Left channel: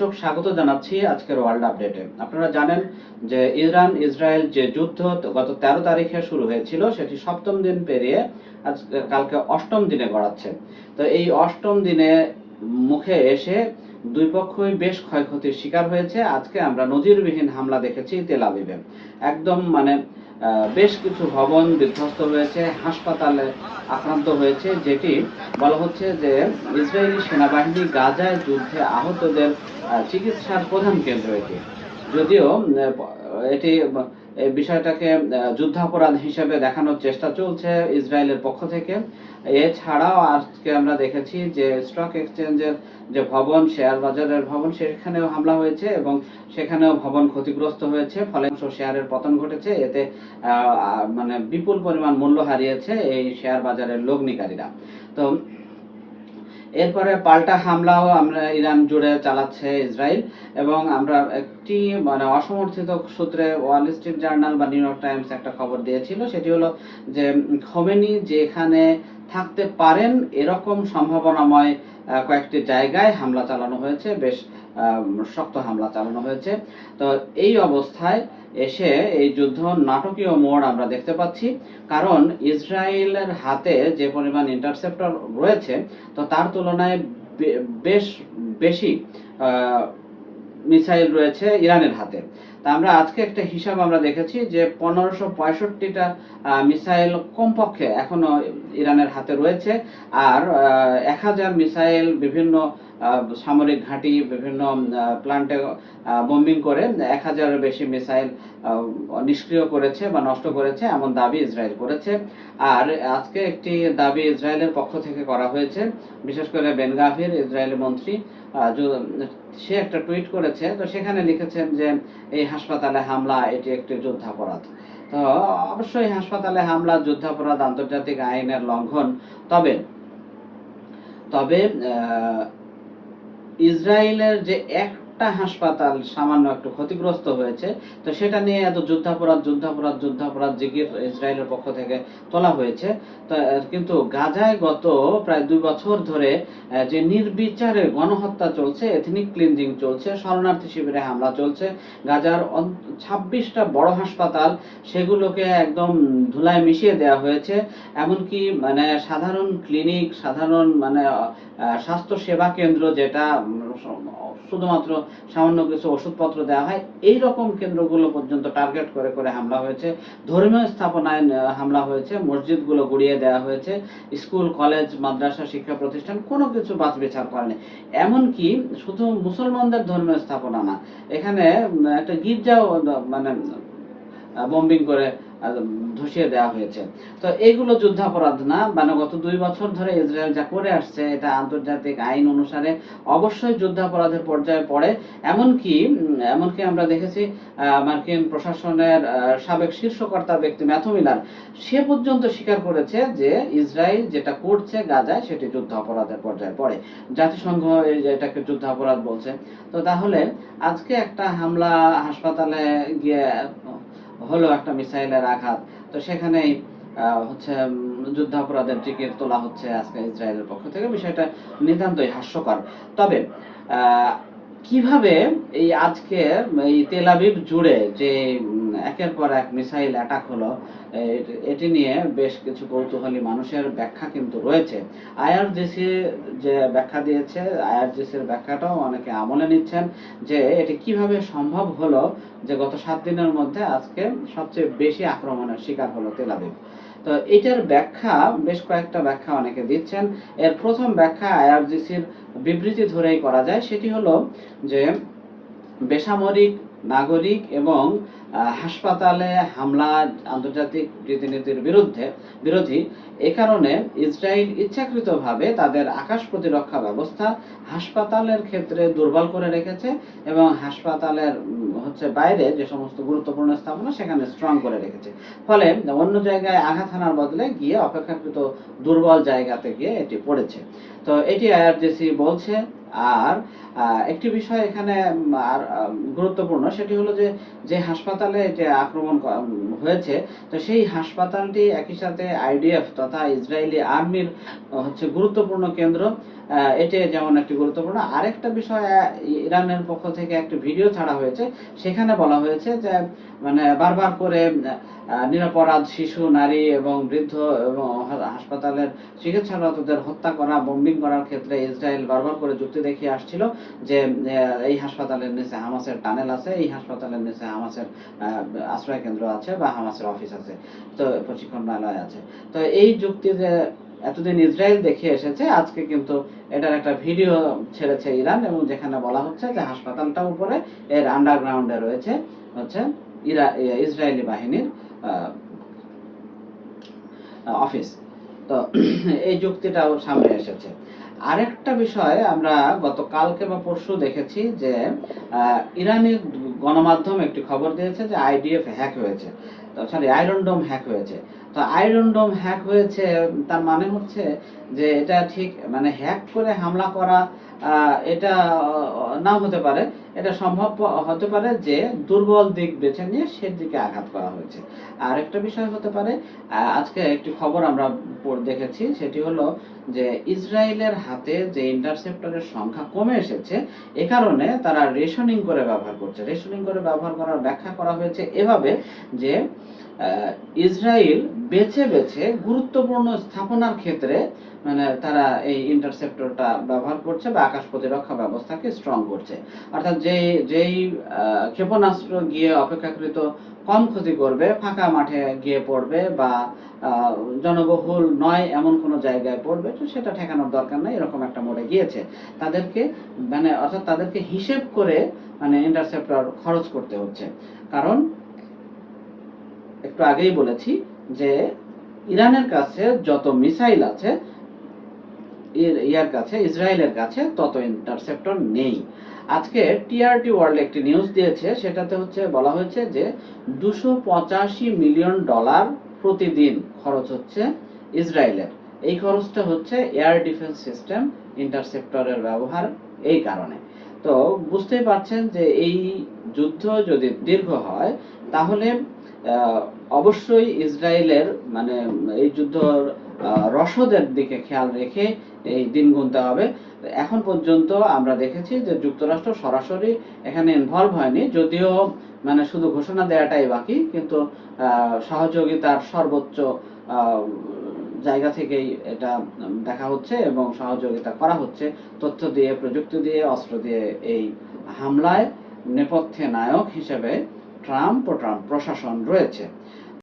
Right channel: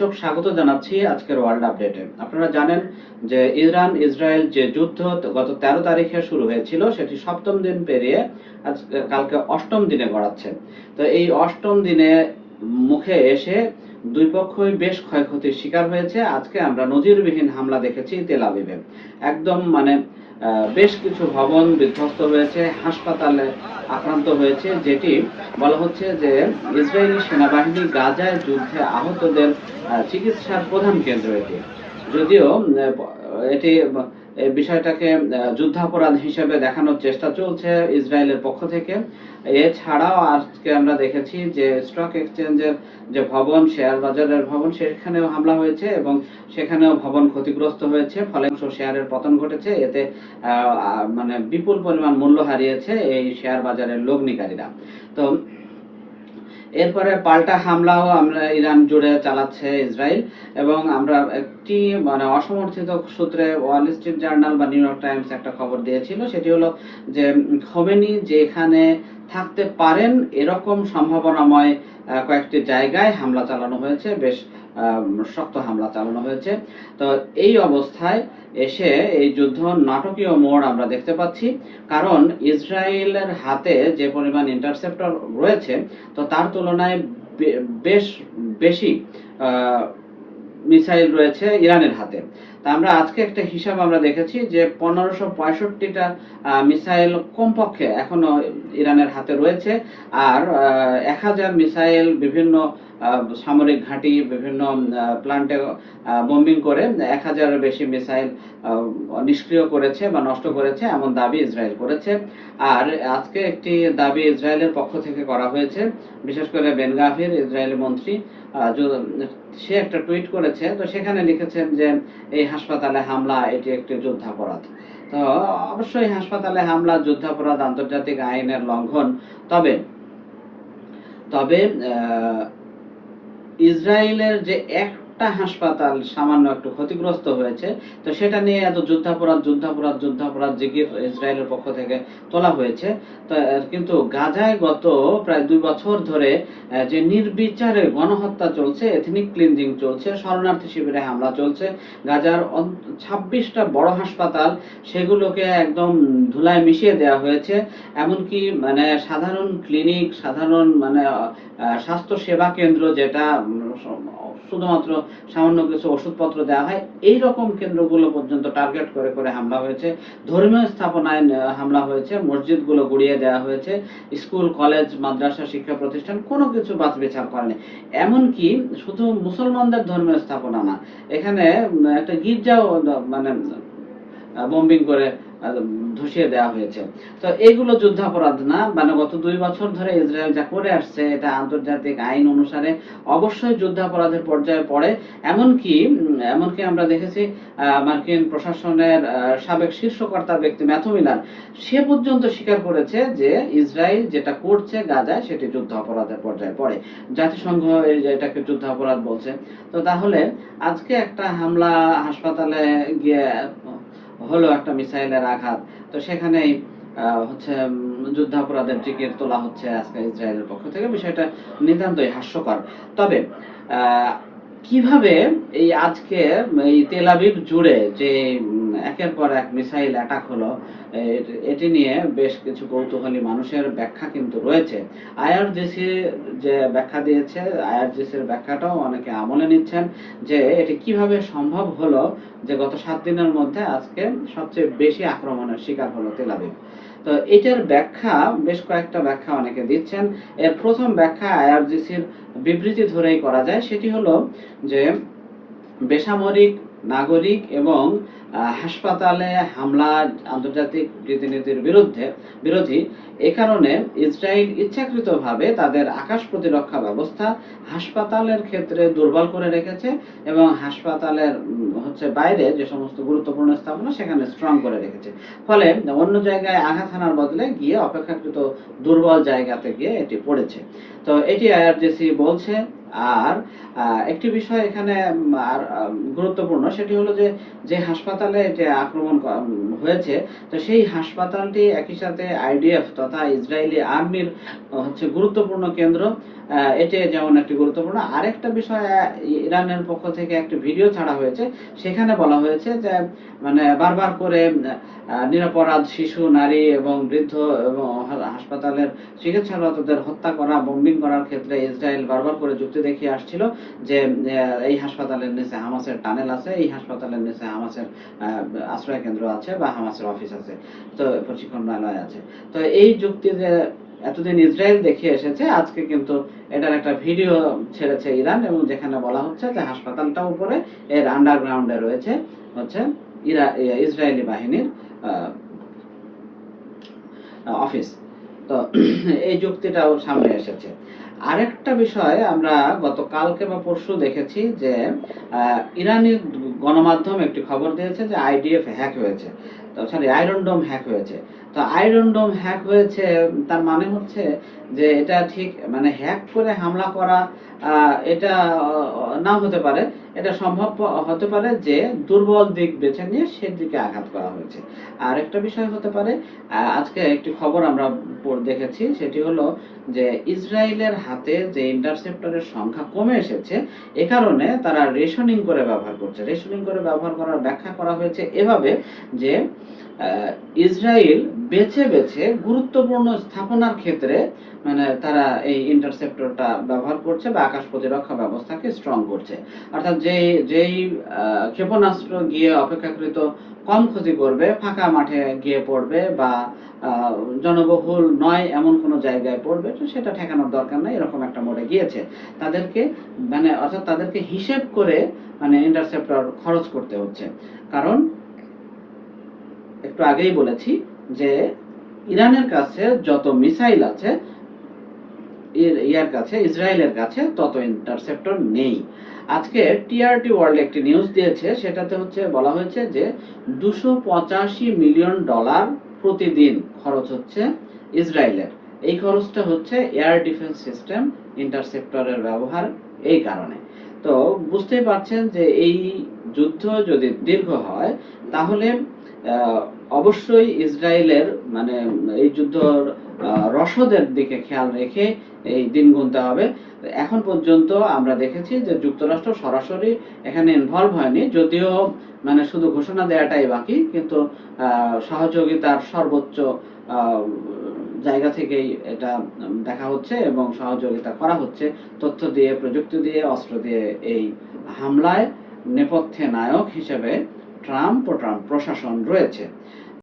দর্শক, স্বাগত জানাচ্ছি আজকের ওয়ার্ল্ড আপডেটে। আপনারা জানেন যে ইরান, ইসরায়েল যে যুদ্ধ গত তেরো তারিখে শুরু হয়েছিল, সেটি সপ্তম দিন পেরিয়ে আজ কালকে অষ্টম দিনে গড়াচ্ছে। তো এই অষ্টম দিনে মুখে এসে দুই পক্ষই বেশ ক্ষয়ক্ষতির শিকার হয়েছে। আজকে আমরা নজিরবিহীন হামলা দেখেছি তেল একদম মানে বেশ কিছু ভবন বিধ্বস্ত হয়েছে, হাসপাতালে আক্রান্ত হয়েছে, যেটি বলা হচ্ছে যে ইসরায়েলি সেনাবাহিনী গাজায় যুদ্ধে আহতদের চিকিৎসার প্রধান কেন্দ্র এটি। যদিও এটি এই বিষয়টাকে যুদ্ধাপরাধ হিসেবে দেখানোর চেষ্টা চলছে ইসরায়েলের পক্ষ থেকে। এছাড়াও আজকে আমরা দেখেছি যে স্টক এক্সচেঞ্জের যে ভবন, শেয়ার বাজারের ভবন, সেখানেও হামলা হয়েছে এবং সেখানেও ভবন ক্ষতিগ্রস্ত হয়েছে। ফলে শেয়ারের পতন ঘটেছে। এতে মানে বিপুল পরিমাণ মূল্য হারিয়েছে এই শেয়ার বাজারের লগ্নিকারীরা। তো এরপরে পাল্টা হামলাও আমরা ইরান জুড়ে চালাচ্ছে ইসরায়েল এবং আমরা একটি মানে অসমর্থিত সূত্রে ওয়াল স্ট্রিট জার্নাল বা নিউ ইয়র্ক টাইমস একটা খবর দিয়েছিল। সেটি হলো যে, খোমেনি যেখানে থাকতে পারেন এরকম সম্ভাবনাময় কয়েকটি জায়গায় হামলা চালানো হয়েছে। বেশ শক্ত হামলা চালানো হয়েছে। তো এই অবস্থায় এসে এই যুদ্ধ নাটকীয় মোড় আমরা দেখতে পাচ্ছি। কারণ ইসরায়েলের হাতে যে পরিমাণ ইন্টারসেপ্টর রয়েছে, তো তার তুলনায় বেশ বেশি মিসাইল রয়েছে ইরানের হাতে। আমরা আজকে একটা হিসাব আমরা দেখেছি যে পনেরোশো পঁয়ষট্টিটা মিসাইল কমপক্ষে এখনও ইরানের হাতে রয়েছে। আর এক হাজার মিসাইল বিভিন্ন সামরিক ঘাঁটি, বিভিন্ন প্লান্টে বোম্বিং করে এক হাজারের বেশি মিসাইল নিষ্ক্রিয় করেছে বা নষ্ট করেছে, এমন দাবি ইসরায়েল করেছে। আর আজকে একটি দাবি ইসরায়েলের পক্ষ থেকে করা হয়েছে, বিশেষ করে বেন গাভির ইসরায়েলি মন্ত্রী সে একটা টুইট করেছে। তো সেখানে লিখেছেন যে, এই হাসপাতালে হামলা, এটি একটি যুদ্ধাপরাধ। তো অবশ্যই হাসপাতালে হামলা, যুদ্ধাপরাধ, আন্তর্জাতিক আইনের লঙ্ঘন। তবে তবে ইসরায়েলের যে একটা হাসপাতাল সামান্য একটু ক্ষতিগ্রস্ত হয়েছে। তো সেটা নিয়ে এত যুদ্ধাপরাধ যুদ্ধাপরাধ যুদ্ধাপরাধ জিগির ইসরায়েলের পক্ষ থেকে তোলা হয়েছে। তো কিন্তু গাজায় গত প্রায় দুই বছর ধরে যে নির্বিচারে গণহত্যা চলছে এথনিক ক্লিনজিং চলছে, শরণার্থী শিবিরে হামলা চলছে, গাজার ছাব্বিশটা বড় হাসপাতাল সেগুলোকে একদম ধুলায় মিশিয়ে দেওয়া হয়েছে। এমনকি মানে সাধারণ ক্লিনিক সাধারণ মানে স্বাস্থ্য সেবা কেন্দ্র যেটা শুধুমাত্র সামান্য কিছু ওষুধপত্র দেওয়া হয়। এই রকম কেন্দ্রগুলো পর্যন্ত টার্গেট করে করে হামলা হয়েছে। ধর্মীয় স্থাপনায় হামলা হয়েছে। মসজিদগুলো গুড়িয়ে দেওয়া হয়েছে। স্কুল, কলেজ, মাদ্রাসা, শিক্ষা প্রতিষ্ঠান কোনো কিছু বাছ বিচার করেনি। এমনকি শুধু মুসলমানদের ধর্মীয় স্থাপনা না, এখানে একটা গির্জাও মানে বোম্বিং করে ধসিয়ে দেওয়া হয়েছে। তো এইগুলো যুদ্ধাপরাধ না মানে গত দুই বছর ধরে ইসরায়েল যা করে আসছে, এটা আন্তর্জাতিক আইন অনুসারে অবশ্যই যুদ্ধাপরাধের পর্যায়ে পড়ে। এমনকি এমনকি আমরা দেখেছি মার্কিন প্রশাসনের সাবেক শীর্ষকর্তা ব্যক্তি ম্যাথু মিলার সে পর্যন্ত স্বীকার করেছে যে ইসরায়েল যেটা করছে গাজায়, সেটি যুদ্ধ অপরাধের পর্যায়ে পড়ে। জাতিসংঘ এটাকে যুদ্ধ অপরাধ বলছে। তো তাহলে আজকে একটা হামলা হাসপাতালে গিয়ে হলো একটা মিসাইলের আঘাত। তো সেখানেই হচ্ছে যুদ্ধাপরাধের টিকিট তোলা হচ্ছে আজকে ইসরায়েলের পক্ষ থেকে। বিষয়টা নিতান্তই হাস্যকর। তবে কীভাবে এই আজকে এই তেল আবিব জুড়ে যে একের পর এক মিসাইল অ্যাটাক হলো। এটি নিয়ে বেশ কিছু কৌতূহলী মানুষের ব্যাখ্যা কিন্তু রয়েছে। আইআরজিসি যে ব্যাখ্যা দিয়েছে আইআরজিসির ব্যাখ্যাটাও অনেকে আমলে নিচ্ছেন যে এটি কীভাবে সম্ভব হলো যে গত সাত দিনের মধ্যে আজকে সবচেয়ে বেশি আক্রমণের শিকার হলো তেল আবিব। তো এটার ব্যাখ্যা, বেশ কয়েকটা ব্যাখ্যা অনেকে দিচ্ছেন। এর প্রথম ব্যাখ্যা আইআরজিসির বিবৃতি ধরেই করা যায়। সেটি হলো যে বেসামরিক, নাগরিক এবং হাসপাতালে হামলা, আন্তর্জাতিক রীতিনীতির বিরুদ্ধে বিরোধী। এ কারণে ইসরায়েল ইচ্ছাকৃতভাবে তাদের আকাশ প্রতিরক্ষা ব্যবস্থা হাসপাতালের ক্ষেত্রে দুর্বল করে রেখেছে এবং হাসপাতালের হচ্ছে বাইরে যে সমস্ত গুরুত্বপূর্ণ স্থাপনা, সেখানে স্ট্রং করে রেখেছে। ফলে অন্য জায়গায় আঘাত হানার বদলে গিয়ে অপেক্ষাকৃত দুর্বল জায়গাতে গিয়ে এটি পড়েছে। তো এটি আইআরজিসি বলছে, আর একটি বিষয় এখানে আর গুরুত্বপূর্ণ, সেটি হলো যে যে হাসপাতালে যে আক্রমণ হয়েছে, তো সেই হাসপাতালটি একই সাথে আইডিএফ তথা ইসরায়েলি আর্মির হচ্ছে গুরুত্বপূর্ণ কেন্দ্র। এটি যেমন একটি গুরুত্বপূর্ণ, আরেকটা বিষয় ইরানের পক্ষ থেকে একটি ভিডিও ছাড়া হয়েছে। সেখানে বলা হয়েছে যে মানে বারবার করে নিরপরাধ শিশু, নারী এবং বৃদ্ধ এবং হাসপাতালের চিকিৎসারতদের হত্যা করা বোম্বিং করার ক্ষেত্রে ইসরায়েল বারবার করে যুক্তি দেখিয়ে আসছিল যে এই হাসপাতালের নিচে হামাসের টানেল আছে, এই হাসপাতালের নিচে হামাসের আশ্রয় কেন্দ্র আছে বা হামাসের অফিস আছে, তো প্রশিক্ষণালয় আছে। তো এই যুক্তি যে এতদিন ইসরায়েল দেখিয়ে এসেছে, আজকে কিন্তু এটার একটা ভিডিও ছেড়েছে ইরান এবং যেখানে বলা হচ্ছে যে হাসপাতালটা উপরে এর আন্ডারগ্রাউন্ডে রয়েছে হচ্ছে ইরা, ইসরায়েলি বাহিনীর অফিস। তো এই যুক্তিটাও সামনে এসেছে। আরেকটা বিষয় আমরা গতকালকে বা পরশু দেখেছি যে ইরানি গণমাধ্যম একটি খবর দিয়েছে যে আইডিএফ হ্যাক হয়েছে। তো সরি আয়রন ডোম হ্যাক হয়েছে। তো আয়রন ডোম হ্যাক হয়েছে, তার মানে হচ্ছে যে এটা ঠিক মানে হ্যাক করে হামলা করা এটা নাও হতে পারে। এটা সম্ভব হতে পারে যে দুর্বল দিক বেছে নিয়ে সেদিকে আঘাত করা হয়েছে। আর একটা বিষয় হতে পারে আজকে একটি খবর আমরা দেখেছি, সেটি হলো যে ইসরায়েলের হাতে যে ইন্টারসেপ্টরের সংখ্যা কমে এসেছে, এ কারণে তারা রেশনিং করে ব্যবহার করছে। রেশনিং করে ব্যবহার করার ব্যাখ্যা করা হয়েছে এভাবে যে ইসরায়েল বেছে বেছে গুরুত্বপূর্ণ স্থাপনার ক্ষেত্রে মানে তারা এই ইন্টারসেপ্টরটা ব্যবহার করছে বা আকাশ প্রতিরক্ষা ব্যবস্থাকে স্ট্রং করছে। অর্থাৎ যেই যেই ক্ষেপণাস্ত্র গিয়ে অপেক্ষাকৃত কম ক্ষতি করবে, ফাঁকা মাঠে গিয়ে পড়বে বা জনবহুল নয় এমন কোনো জায়গায় পড়বে, তো সেটা ঠেকানোর দরকার নাই, এরকম একটা মোড়ে গিয়েছে। তাদেরকে মানে অর্থাৎ তাদেরকে হিসেব করে মানে ইন্টারসেপ্টর খরচ করতে হচ্ছে। কারণ একটু আগেই বলেছি যে ইরানের কাছে যত মিসাইল আছে ইয়ার কাছে, ইসরায়েলের কাছে তত ইন্টারসেপ্টর নেই। আজকে টিআরটি ওয়ার্ল্ড একটি নিউজ দিয়েছে, সেটাতে হচ্ছে, বলা হয়েছে যে দুশো মিলিয়ন ডলার প্রতিদিন খরচ হচ্ছে ইসরায়েলের। এই খরচটা হচ্ছে এয়ার ডিফেন্স সিস্টেম ইন্টারসেপ্টরের ব্যবহার এই কারণে। তো বুঝতেই পারছেন যে এই যুদ্ধ যদি দীর্ঘ হয়, তাহলে অবশ্যই ইসরায়েলের মানে এই যুদ্ধর আহ, রসদের দিকে খেয়াল রেখে এই দিন গুনতে হবে। এখন পর্যন্ত আমরা দেখেছি যে যুক্তরাষ্ট্র সরাসরি এখানে ইনভলভ হয়নি যদিও মানে শুধু ঘোষণা দেওয়াটাই বাকি কিন্তু সহযোগিতার সর্বোচ্চ জায়গা থেকেই এটা দেখা হচ্ছে এবং সহযোগিতা করা হচ্ছে। তথ্য দিয়ে প্রযুক্তি দিয়ে অস্ত্র দিয়ে এই হামলায় নেপথ্যে নায়ক হিসেবে ট্রাম্প ও ট্রাম্প প্রশাসন রয়েছে।